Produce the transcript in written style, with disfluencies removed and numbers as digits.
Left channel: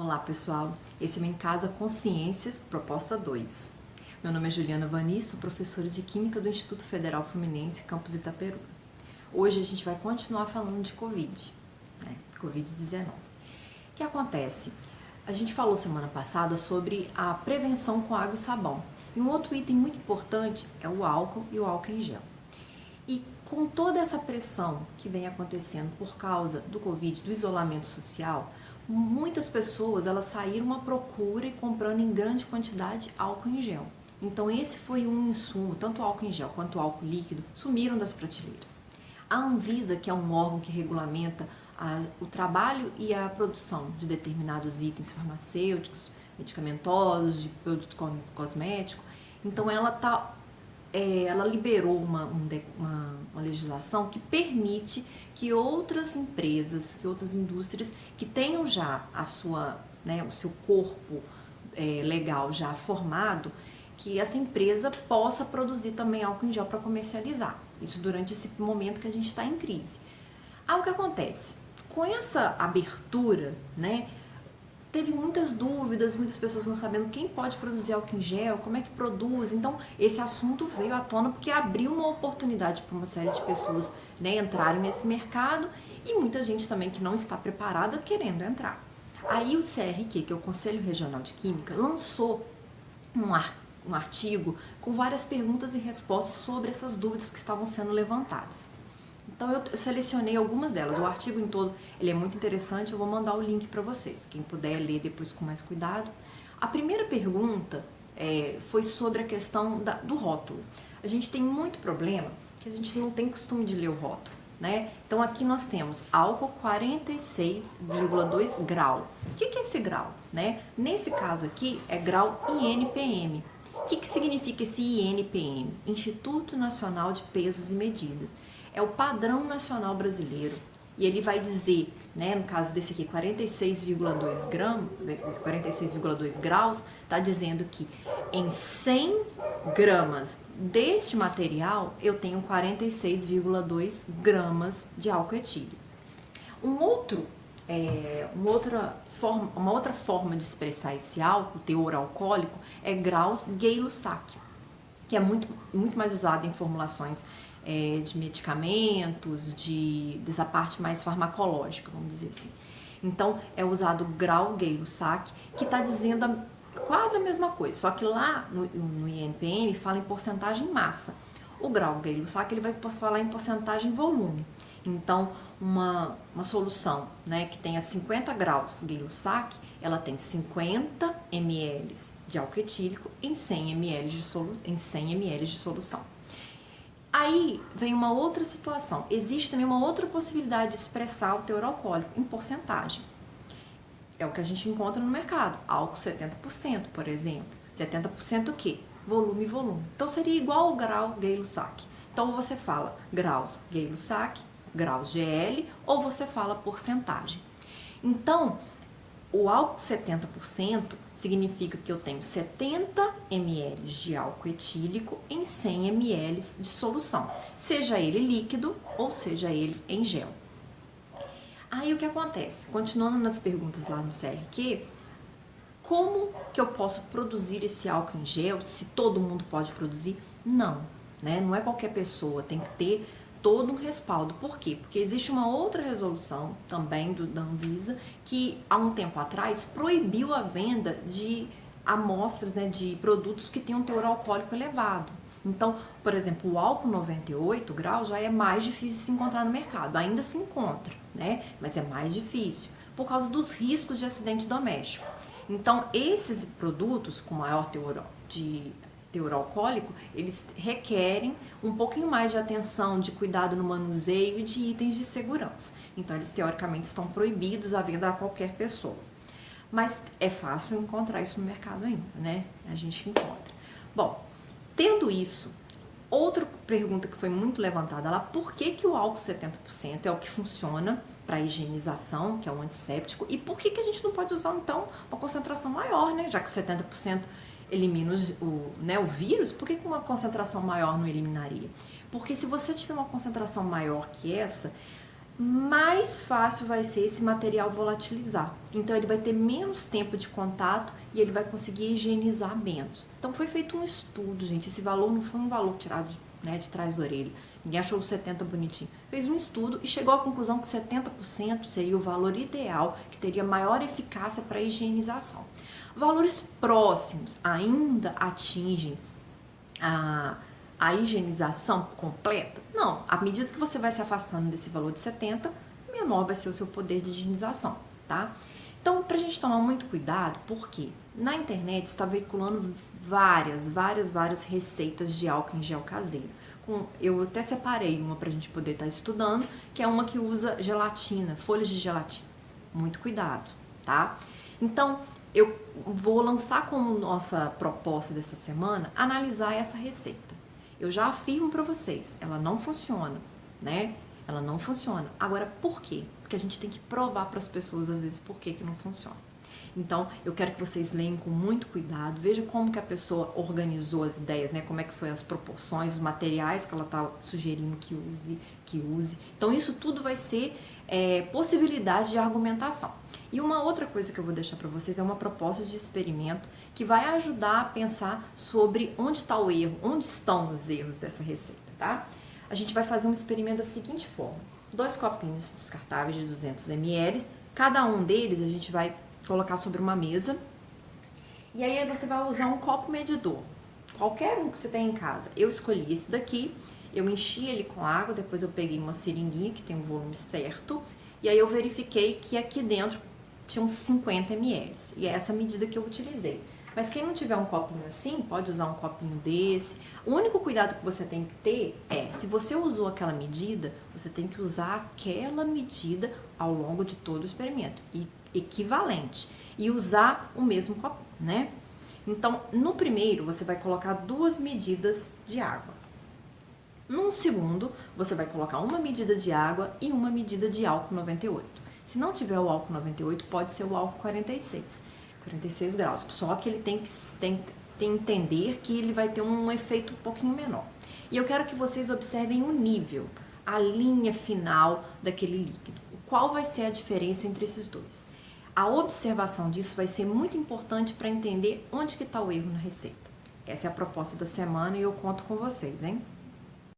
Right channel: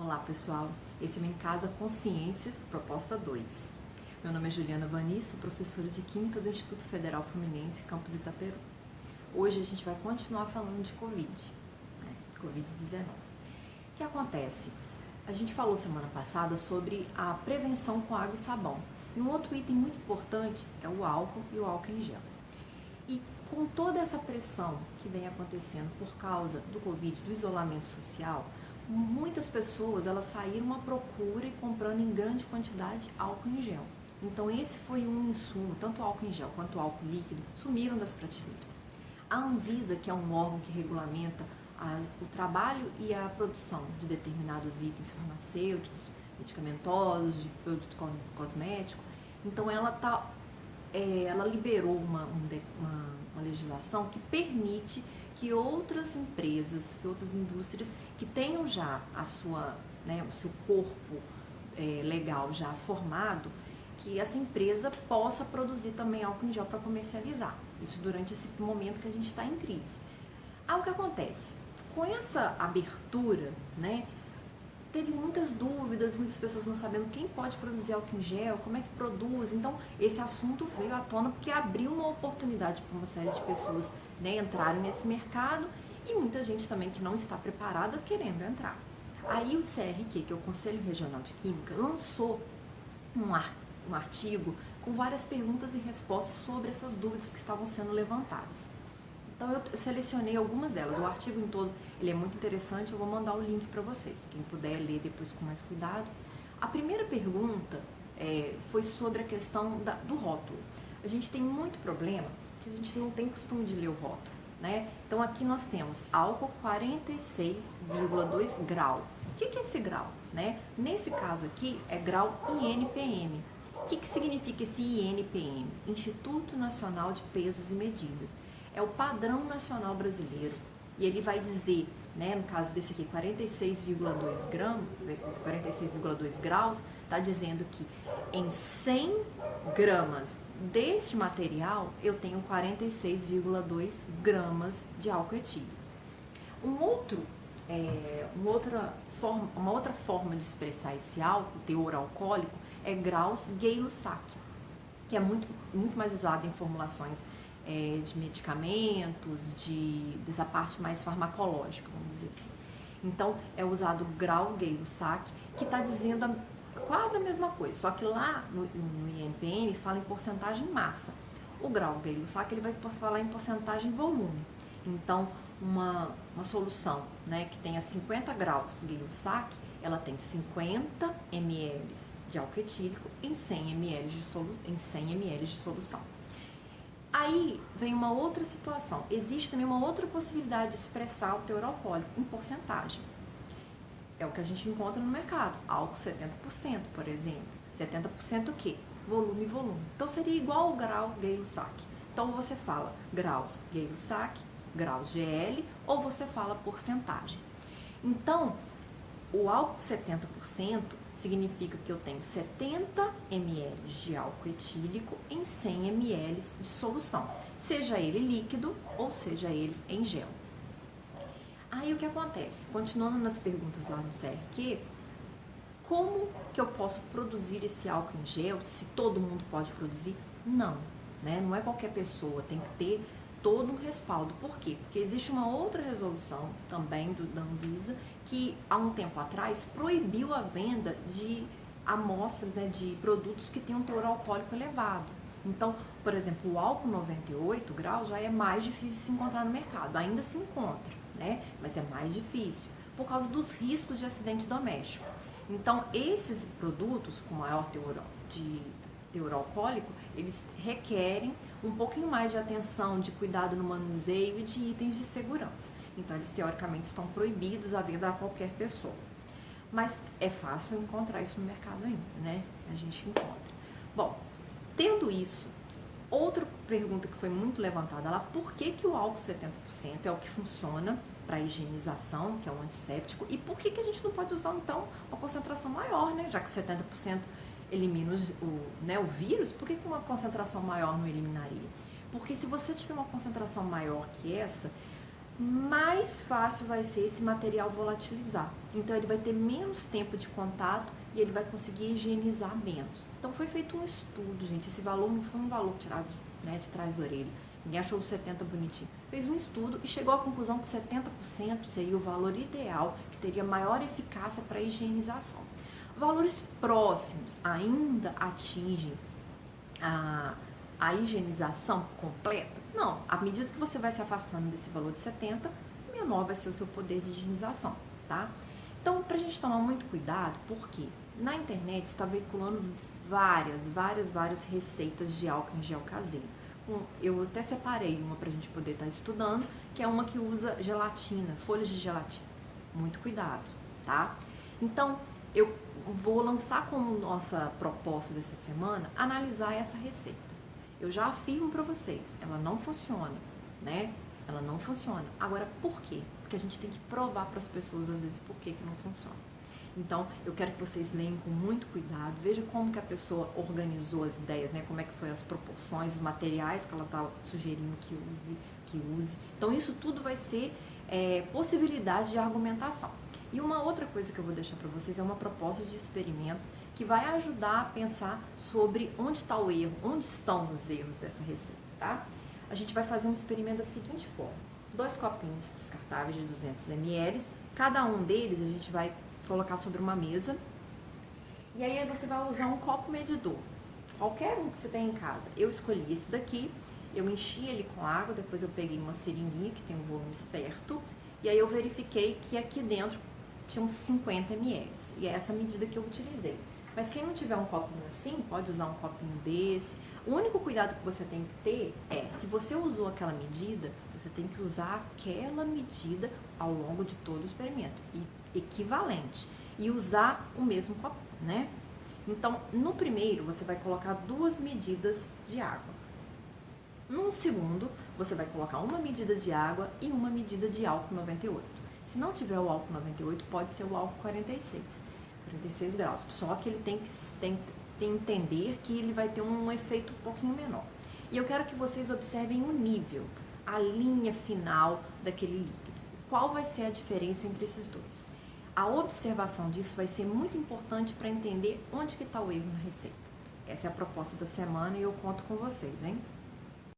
Olá pessoal, esse é o Em Casa Consciências, proposta 2. Meu nome é Juliana Vani, sou professora de Química do Instituto Federal Fluminense, campus Itaperu. Hoje a gente vai continuar falando de Covid, Covid-19. O que acontece? A gente falou semana passada sobre a prevenção com água e sabão. E um outro item muito importante é o álcool e o álcool em gel. E com toda essa pressão que vem acontecendo por causa do Covid, do isolamento social, muitas pessoas elas saíram à procura e comprando em grande quantidade álcool em gel. Então esse foi um insumo, tanto o álcool em gel quanto o álcool líquido sumiram das prateleiras. A Anvisa, que é um órgão que regulamenta o trabalho e a produção de determinados itens farmacêuticos, medicamentosos, de produto cosmético, então ela liberou uma legislação que permite que outras empresas, que outras indústrias que tenham já o seu corpo legal já formado, que essa empresa possa produzir também álcool em gel para comercializar. Isso durante esse momento que a gente está em crise. O que acontece? Com essa abertura, teve muitas dúvidas, muitas pessoas não sabendo quem pode produzir álcool em gel, como é que produz. Então, esse assunto veio à tona porque abriu uma oportunidade para uma série de pessoas entrarem nesse mercado e muita gente também que não está preparada querendo entrar. Aí o CRQ, que é o Conselho Regional de Química, lançou um artigo com várias perguntas e respostas sobre essas dúvidas que estavam sendo levantadas. Então eu selecionei algumas delas. O artigo em todo ele é muito interessante, eu vou mandar o link para vocês, quem puder ler depois com mais cuidado. A primeira pergunta foi sobre a questão do rótulo. A gente tem muito problema que a gente não tem costume de ler o rótulo, Então aqui nós temos álcool 46,2 grau. O que é esse grau? Nesse caso aqui é grau INPM. O que significa esse INPM? Instituto Nacional de Pesos e Medidas. É o padrão nacional brasileiro e ele vai dizer, no caso desse aqui, 46,2 graus, está dizendo que em 100 gramas deste material eu tenho 46,2 gramas de álcool etílico. Uma outra forma de expressar esse álcool, teor alcoólico, é graus Gay-Lussac, que é muito mais usado em formulações de medicamentos, dessa parte mais farmacológica, vamos dizer assim. Então, é usado o grau Gay-Lussac, que está dizendo quase a mesma coisa, só que lá no INPM fala em porcentagem massa. O grau Gay-Lussac ele vai falar em porcentagem volume. Então, uma solução que tenha 50 graus Gay-Lussac, ela tem 50 ml de álcool etílico em 100 ml de solução. Aí vem uma outra situação. Existe também uma outra possibilidade de expressar o teor alcoólico em porcentagem. É o que a gente encontra no mercado. Álcool 70%, por exemplo. 70% o quê? Volume. Então seria igual ao grau Gay-Lussac. Então você fala graus Gay-Lussac, graus GL, ou você fala porcentagem. Então, o álcool 70% significa que eu tenho 70 ml de álcool etílico em 100 ml de solução, seja ele líquido ou seja ele em gel. Aí o que acontece? Continuando nas perguntas lá no CRQ, como que eu posso produzir esse álcool em gel? Se todo mundo pode produzir? Não, não é qualquer pessoa, tem que ter todo um respaldo. Por quê? Porque existe uma outra resolução também da Anvisa que há um tempo atrás proibiu a venda de amostras de produtos que têm um teor alcoólico elevado. Então, por exemplo, o álcool 98 graus já é mais difícil de se encontrar no mercado. Ainda se encontra, mas é mais difícil por causa dos riscos de acidente doméstico. Então, esses produtos com maior teor alcoólico, eles requerem um pouquinho mais de atenção, de cuidado no manuseio e de itens de segurança. Então, eles teoricamente estão proibidos à venda a qualquer pessoa. Mas é fácil encontrar isso no mercado ainda, A gente encontra. Bom, tendo isso, outra pergunta que foi muito levantada lá, por que o álcool 70% é o que funciona para higienização, que é um antisséptico, e por que a gente não pode usar, então, uma concentração maior, já que 70% elimina o vírus, por que uma concentração maior não eliminaria? Porque se você tiver uma concentração maior que essa, mais fácil vai ser esse material volatilizar. Então ele vai ter menos tempo de contato e ele vai conseguir higienizar menos. Então foi feito um estudo, gente. Esse valor não foi um valor tirado, né, de trás da orelha. Ninguém achou o 70 bonitinho. Fez um estudo e chegou à conclusão que 70% seria o valor ideal, que teria maior eficácia para a higienização. Valores próximos ainda atingem a higienização completa? Não. À medida que você vai se afastando desse valor de 70, menor vai ser o seu poder de higienização, tá? Então, pra gente tomar muito cuidado, porque na internet está veiculando várias receitas de álcool em gel caseiro. Eu até separei uma pra gente poder estar estudando, que é uma que usa gelatina, folhas de gelatina. Muito cuidado, tá? Então, eu vou lançar como nossa proposta dessa semana, analisar essa receita. Eu já afirmo para vocês, ela não funciona, né? Ela não funciona. Agora, por quê? Porque a gente tem que provar para as pessoas, às vezes, por que não funciona. Então, eu quero que vocês leiam com muito cuidado, veja como que a pessoa organizou as ideias, né? Como é que foi as proporções, os materiais que ela está sugerindo que use. Então, isso tudo vai ser possibilidade de argumentação. E uma outra coisa que eu vou deixar para vocês é uma proposta de experimento que vai ajudar a pensar sobre onde está o erro, onde estão os erros dessa receita, tá? A gente vai fazer um experimento da seguinte forma: 2 copinhos descartáveis de 200 ml, cada um deles a gente vai colocar sobre uma mesa, e aí você vai usar um copo medidor, qualquer um que você tem em casa. Eu escolhi esse daqui, eu enchi ele com água, depois eu peguei uma seringuinha que tem um volume certo, e aí eu verifiquei que aqui dentro tinha uns 50 ml, e é essa medida que eu utilizei. Mas quem não tiver um copinho assim, pode usar um copinho desse. O único cuidado que você tem que ter é, se você usou aquela medida, você tem que usar aquela medida ao longo de todo o experimento, equivalente, e usar o mesmo copo, né? Então, no primeiro, você vai colocar 2 medidas de água. No segundo, você vai colocar uma medida de água e uma medida de álcool 98. Se não tiver o álcool 98, pode ser o álcool 46 graus. Só que ele tem que entender que ele vai ter um efeito um pouquinho menor. E eu quero que vocês observem o nível, a linha final daquele líquido. Qual vai ser a diferença entre esses dois? A observação disso vai ser muito importante para entender onde que está o erro na receita. Essa é a proposta da semana e eu conto com vocês, hein?